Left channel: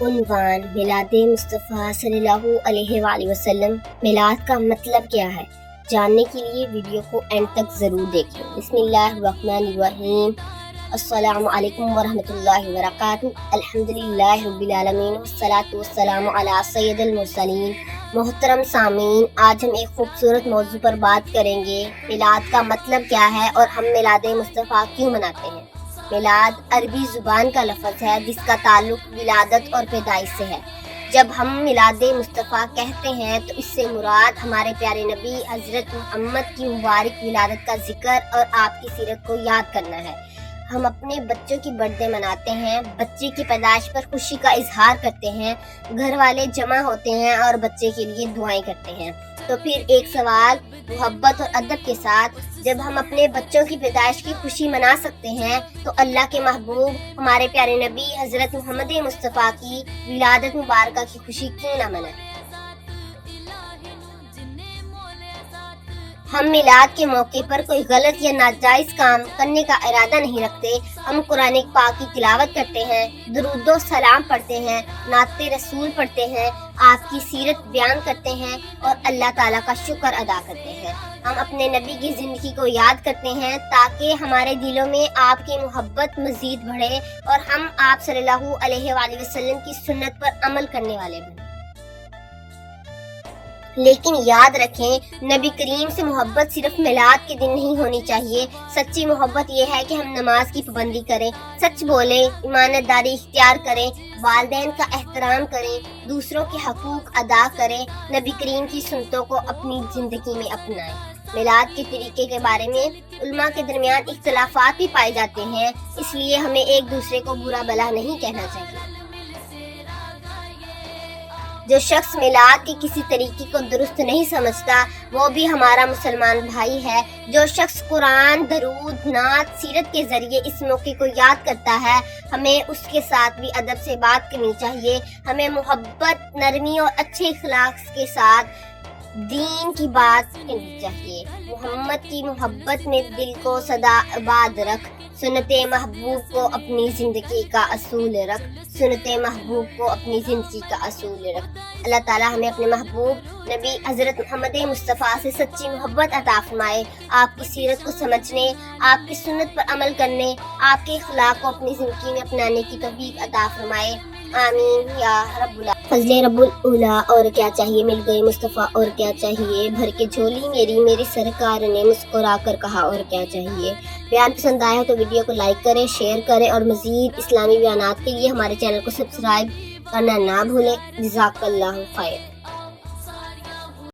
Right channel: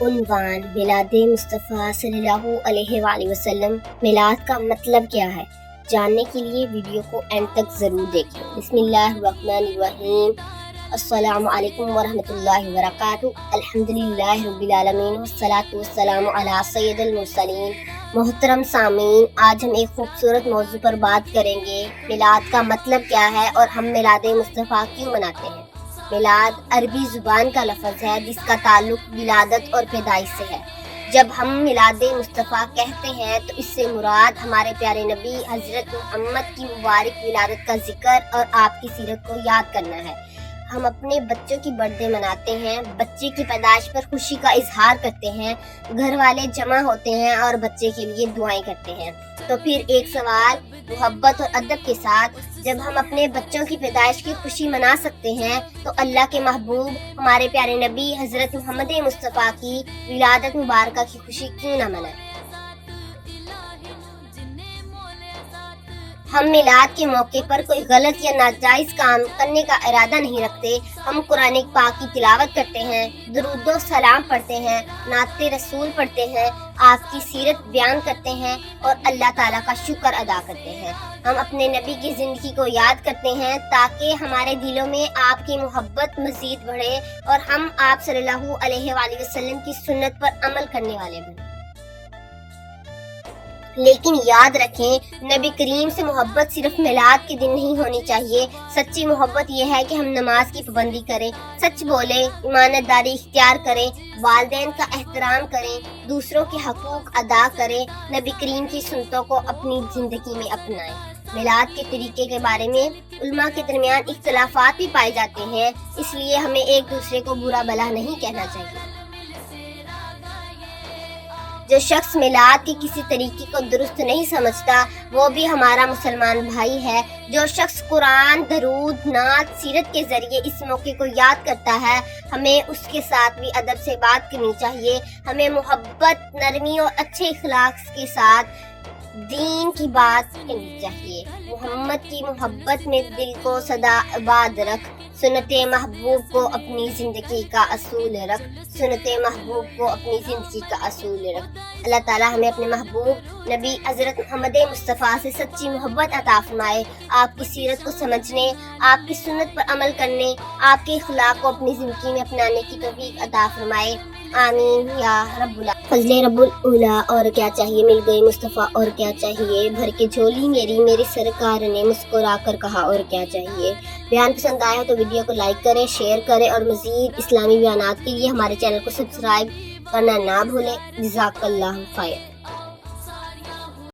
عنوان میلاد مصطفیٰ صلی اللہ علیہ وآلہ وسلم۔ میلاد کا مطلب کیا ہے جاننے کے لیے ویڈیو کو اینڈ تک ضرور دیکھیں۔ بسم اللہ الرحمن الرحیم۔ السلام علیکم ورحمۃ اللہ وبرکاتہ۔ الحمدللہ رب العالمین والصلاة والسلام علی سید المرسلین۔ محترم سامعین، آج ہم ایک خوبصورت موضوع پر بات کریں گے، میلاد کا مطلب کیا ہے اور ہم میلاد مصطفیٰ کیوں مناتے ہیں۔ میلاد عربی زبان کا لفظ ہے جس کا تعلق ولادت اور پیدائش سے ہے۔ جب ہم میلاد مصطفیٰ کہتے ہیں تو اس سے مراد ہمارے پیارے نبی حضرت محمد کی مبارک ولادت کا ذکر اور آپ کی سیرت کو یاد کرنا ہے۔ ہم اپنے بچوں کی برتھ ڈے مناتے ہیں، بچے کی پیدائش پر خوشی کا اظہار کرتے ہیں، گھر والے جمع ہوتے ہیں اور بچے کے لیے دعائیں کرتے ہیں۔ تو پھر ایک سوال، محبت اور ادب کے ساتھ جب ہم اپنے بچوں کی پیدائش کی خوشی منا سکتے ہیں تو اللہ کے محبوب ہمارے پیارے نبی حضرت محمد مصطفیٰ کی ولادت مبارکہ کی خوشی کیوں نہ منائیں۔ ہم میلاد کے موقع پر کوئی غلط یا ناجائز کام کرنے کا ارادہ نہیں رکھتے۔ ہم قرآن پاک کی تلاوت کرتے ہیں، درود و سلام پڑھتے ہیں، نعت رسول پڑھتے ہیں، آپ کی سیرت بیان کرتے ہیں اور اللہ تعالیٰ کا شکر ادا کرتے ہیں۔ ہم اپنے نبی کی زندگی کو یاد کرتے ہیں تاکہ ہمارے دلوں میں آپ کی محبت مزید بڑھے اور ہم آپ صلی اللہ علیہ وآلہ وسلم کی سنت پر عمل کرنے والے بنیں۔ لیکن یاد رکھیں، نبی کریم سے محبت صرف میلاد کے دن نہیں ہونی چاہیے۔ سچی محبت یہ ہے کہ ہم نماز کی پابندی کریں، سچ بولیں، ایمانت داری اختیار کریں، والدین کا احترام کریں، دوسروں کے حقوق ادا کریں، نبی کریم کی سنتوں کو اپنی زندگی میں اپنائیں۔ میلاد کے طریقے کے بارے میں علماء کے درمیان اختلافات بھی پائے جاتے ہیں، اس لیے ہمیں ایک دوسرے کو برا بھلا نہیں کہنا چاہیے۔ جو شخص میلاد کے کسی طریقے کو درست نہیں سمجھتا وہ بھی ہمارا مسلمان بھائی ہے۔ جو شخص قرآن، درود، نعت، سیرت کے ذریعے اس موقع کو یاد کرتا ہے، ہمیں اس کے ساتھ بھی ادب سے بات کرنی چاہیے۔ ہمیں محبت، نرمی اور اچھے اخلاق کے ساتھ دین کی بات کرنی چاہیے۔ محمد کی محبت میں دل کو سدا آباد رکھ، سنت محبوب کو اپنی زندگی کا اصول رکھ، سنت محبوب کو اپنی زندگی کا اصول رکھ۔ اللہ تعالیٰ ہمیں اپنے محبوب نبی حضرت محمد مصطفیٰ سے سچی محبت عطا فرمائے، آپ کی سیرت کو سمجھنے، آپ کی سنت پر عمل کرنے، آپ کے اخلاق کو اپنی زندگی میں اپنانے کی توفیق عطا فرمائے، آمین یا رب العالمین۔ فضل رب الاولیٰ، اور کیا چاہیے مل گئے مصطفیٰ، اور کیا چاہیے بھر کے جھولی میری سرکار نے مسکرا کر کہا اور کیا چاہیے۔ بیان پسند آیا تو ویڈیو کو لائک کریں، شیئر کریں اور مزید اسلامی بیانات کے لیے ہمارے چینل کو سبسکرائب کرنا نہ بھولیں۔ جزاک اللہ خیر۔